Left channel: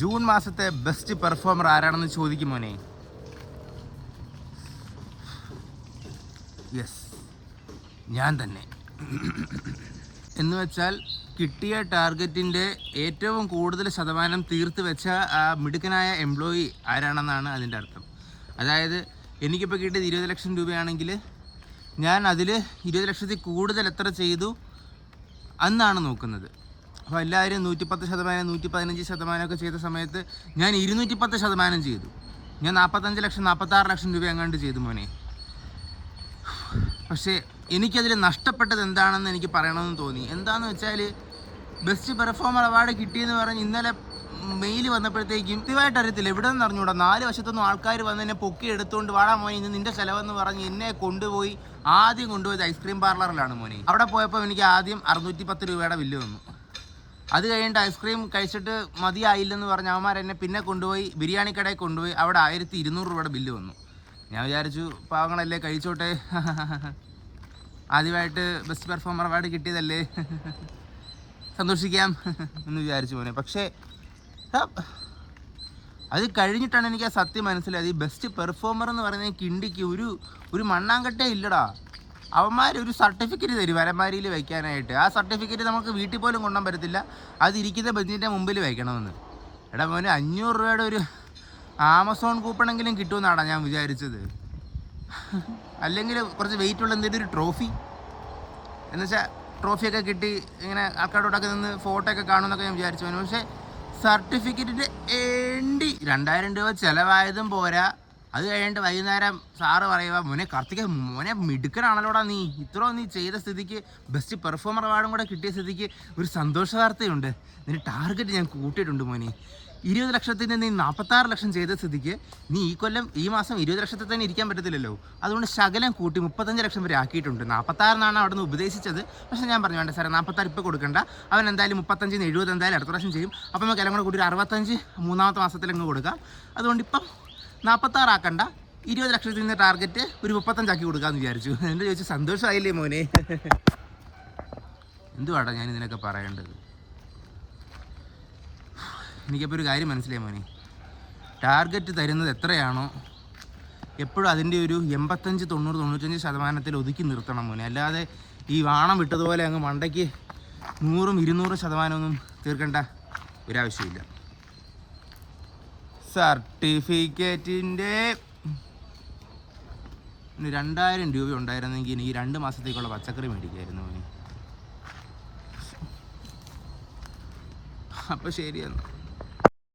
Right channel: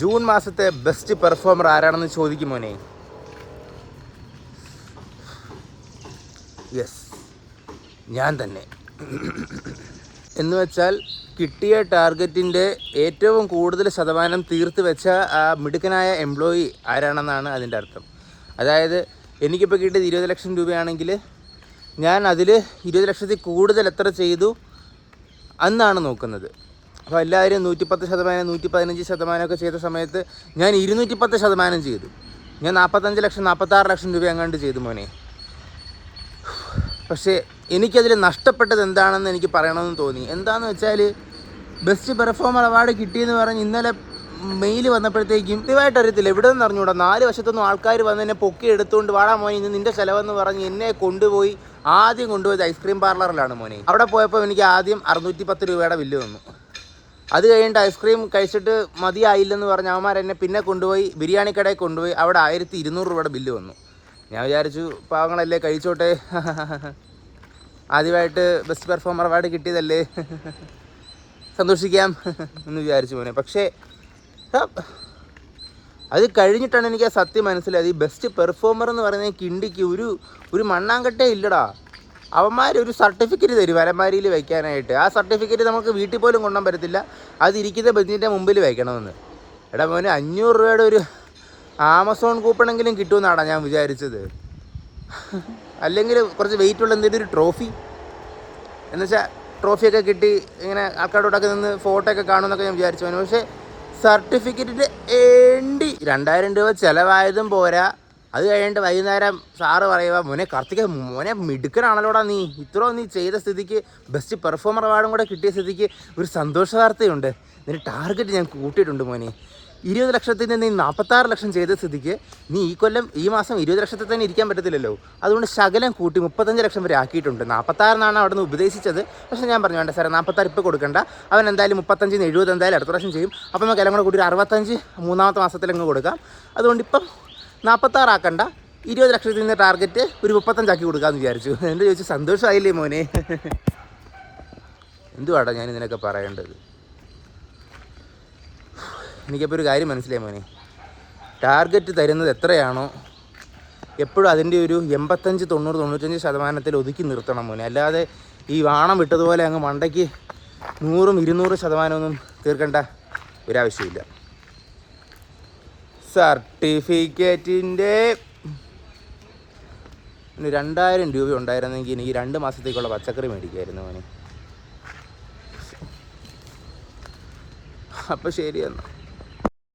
June മാസത്തെ best performer ആരാണെന്ന് ചോദിക്കും മോനെ. യെസ്, ഞാൻ തന്നെ. എന്ന് വെച്ചാൽ കിട്ടിയ ടാർഗറ്റിൻ്റെ ഏറ്റവും കൂടുതൽ ശതമാനം തീർത്ത് വെച്ച ആ മിടുക്കനായ എംപ്ലോയി ആരാണെന്നാണ് അതിൻ്റെ അർത്ഥം. അതായത് എനിക്കിപ്പോൾ കിട്ടിയത് 20 ലക്ഷം രൂപയാണെങ്കിൽ ഞാൻ അതിൽ 20 ലക്ഷത്തിൽ കൂടുതൽ എത്ര ചെയ്തു എന്നാണ് നോക്കുന്നത്. അപ്പോൾ എല്ലാവരും 110%, 115% ചെയ്ത സമയത്ത് ഞാൻ 210% ചെയ്തു. ഞാൻ 45 ലക്ഷം 46 ലക്ഷം രൂപ എങ്ങാണ്ട് ചെയ്തു മോനെ. പക്ഷേ എനിക്കതിൽ നഷ്ടപ്പെട്ടത് എന്താണെന്ന് എനിക്ക് പറയണമെന്ന് തോന്നി. എന്താണെന്ന് വെച്ചാൽ ബെസ്റ്റ് പെർഫോമർ അവാർഡ് കിട്ടിയെന്ന് പറഞ്ഞ് ഇന്നലെ മെയിൽ വന്നപ്പോഴത്തേക്കും ഇതുമായിട്ട് അറിയത്തില്ല, എവിടെ നിന്ന് അറിഞ്ഞുകൂടാ, 4 വശത്തൊന്നും ആൾക്കാർ വന്ന് എന്നെ പൊക്കി എടുത്തുകൊണ്ട് വാടാ മോനെ ഇന്ന് നിൻ്റെ ചിലവെന്ന് പറഞ്ഞ് എന്നെ കൊണ്ടുപോയി ആദ്യം കൊണ്ടുപോയത് ഐസ്ക്രീം പാർലറിലാണ് മോനെ. അവിടെ പോയപ്പോൾ എനിക്ക് ആദ്യം 610 രൂപയുടെ ബില്ല് വന്നു. അത് കഴിഞ്ഞിട്ട് ഐസ്ക്രീം കഴിച്ചിട്ട് മതിയായില്ലെന്ന് പറഞ്ഞ് അവന്മാർ എന്നെ പിന്നെ കൊണ്ടുപോയി ബിരിയാണി കടയിൽ കൊണ്ടുപോയി. അവിടെ 1200 രൂപയുടെ ബില്ല് വന്നു. ഞാൻ വിചാരിച്ചു പാവങ്ങളല്ലേ കഴിച്ചോട്ടെ, ആദ്യമായിട്ട് ബെസ്റ്റ് പെർഫോമർ അവാർഡ് കിട്ടിയതല്ലേ, സന്തോഷിക്കാം എന്ന് വിചാരിച്ചു മോനെ. പക്ഷേ അത് കഴിഞ്ഞിട്ടാണ് എനിക്ക് ആ സത്യം മനസ്സിലായത്. ഈ ബെസ്റ്റ് പെർഫോമർ എന്ന് പറയുന്നത് കിണ്ടിക്ക് ഒരു മണ്ണാങ്കട്ടേ ഇല്ലടാ. അവന്മാരൊരു സർട്ടിഫിക്കറ്റ് തരും അലമാരിയിൽ വയ്ക്കാനായിട്ട്. ആ സർട്ടിഫിക്കറ്റ് നമുക്ക് വീട്ടിൽ പോലും കൊണ്ടുപോകാൻ പറ്റത്തില്ല, അതിരിക്കുന്ന ബെഞ്ചിൻ്റെ മുമ്പിൽ വയ്ക്കണമെന്ന്. എടാ മോനെ 500 രൂപയുടെ ഒരു ആമസോൺ കൂപ്പണെങ്കിലും കിട്ടുമെന്നാണ് ഞാൻ വിചാരിച്ചത്. അല്ലെങ്കിൽ കുറച്ച് വെയിറ്റുള്ള എന്തെങ്കിലും ഒരു ട്രോഫി, എന്നുവെച്ചാൽ ട്രോഫിയൊക്കെ കിട്ടി ഇങ്ങനെ ആൾക്കാരോടൊക്കെ നിന്ന് ഫോട്ടോ ഒക്കെ കാണുമെന്നൊക്കെ ഞാൻ വിചാരിച്ചു. പക്ഷേ സർട്ടിഫിക്കറ്റിൻ്റെ 2000 രൂപ ചിലവായതും പോരാ. അത് കഴിഞ്ഞിട്ട് വൈകുന്നേരം സാറ് പറയുക മോനെ കാർത്തിക മോനെ മിടുക്കനാണല്ലോടാ നീ, ഇത്രയും നീ ചെയ്ത സ്ഥിതിക്ക് ബെസ്റ്റ് പെർഫോമർ അവാർഡും കൂടെ കിട്ടിയ സ്ഥിതിക്ക് ഒരു സന്തോഷ വാർത്തയുണ്ട്, നിന്റെ ടാർഗറ്റ് ഞാൻ കൂട്ടിയിട്ടുണ്ട് മോനെ. 20 ലക്ഷത്തിൽ നിന്ന് നീ 46 ലക്ഷം ചെയ്ത സ്ഥിതിക്ക് നീ ഈ മാസം 20 ലക്ഷത്തിൽ തന്നെ ഇരിക്കാൻ പറ്റത്തില്ലല്ലോ. അതുകൊണ്ട് ശകലം കൂട്ടി 35 ലക്ഷം വരെ ആക്കിയിട്ടുണ്ട്. 46 അവിടെ നിന്ന് ഉപദേശിച്ചത്. പക്ഷേ ഞാൻ പറഞ്ഞു വേണ്ട സാറേ 46 ഇപ്പോൾ കൊടുക്കണ്ട, അവൻ എന്തായാലും 35 70 എന്തായാലും അടുത്ത പ്രാവശ്യം ചെയ്യും. അപ്പം നമുക്ക് എല്ലാം കൂടെ കൂടി 65 മൂന്നാമത്തെ മാസത്തിലങ്ങ് കൊടുക്കാം. അതുകൊണ്ട് ഇപ്പം 46 ആക്കണ്ട, 20 ലക്ഷത്തിൽ നിന്ന് ടാർഗറ്റ് ഒരു 35 ആക്കി കൊടുക്കാമെന്ന് വിചാരിച്ചു. എൻ്റെ ചോദിച്ചു സന്തോഷമായില്ലേ മോനെ? എന്തുവാടാ ഞാൻ ഇതിനൊക്കെ പറയേണ്ടത്? എനിക്കപ്പോൾ ഒരു കാര്യം മനസ്സിലായി മോനെ, ടാർഗറ്റ് തരുന്നത് എത്രയാണോ എപ്പോഴും അതിൻ്റെ ഒരു 85, 90, 95% ഒതുക്കി നിർത്തണം മോനെ. അല്ലാതെ ഈ വാണം വിട്ടതുപോലെ അങ്ങ് മണ്ടയ്ക്ക് 100, 200% തീർക്കേണ്ട ഒരാവശ്യമില്ല. സർട്ടിഫിക്കറ്റിൻ്റെ 2000 രൂപ ഉണ്ടായിരുന്നെങ്കിൽ എനിക്ക് 2 മാസത്തേക്കുള്ള പച്ചക്കറി മേടിക്കുമായിരുന്നു മോനെ. അപ്പോൾ ശരി എന്നാൽ.